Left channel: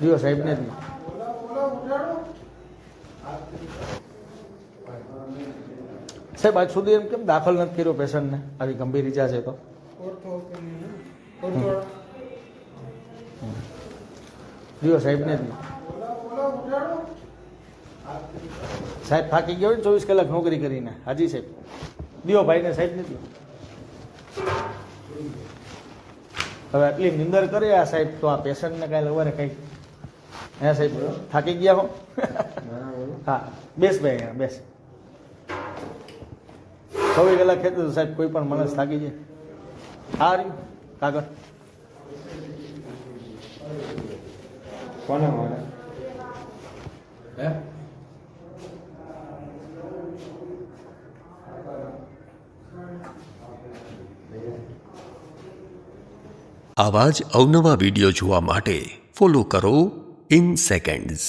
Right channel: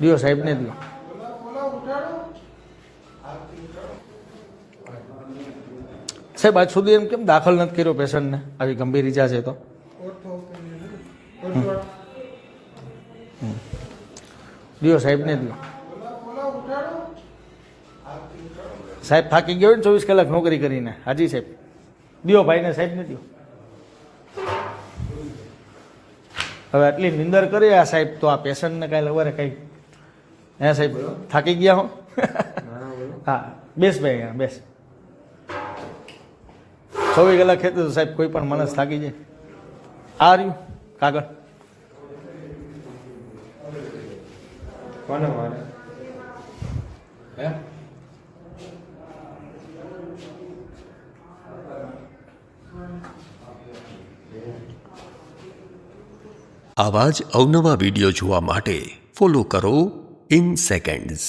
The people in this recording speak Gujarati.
દિયો સાહેબને દિયો. સાહેબ આજ સુધી એમ કેમ દાખલ નથી કર્યો પેશન્ટને? આવી ગંભીર ઈજા છે તો દિયો સાહેબને દિયો. સાહેબ થાકી ગયો ને 24 કલાક નોકરી કરીને. હાજી સાહેબ દિયો ભાઈને સાહેબને દિયો. હવે આટલી નિંદર કરી આ સાહેબ તો આ પેશન્ટને કાંઈ લવારે કંઈ હે સાહેબ થાકી ગયા હો. હા બેસ ભાઈ યાર બેસ. 24 કલાક ખેતું તો સાહેબ કોઈ પણ માણસ થાકી જાય. આ રહ્યું કાગળ કોને મારે હે આવા જ અવનવા વિડીયો જોવા માટે ફોલો કરો ઇન સેકન્ડ્સ.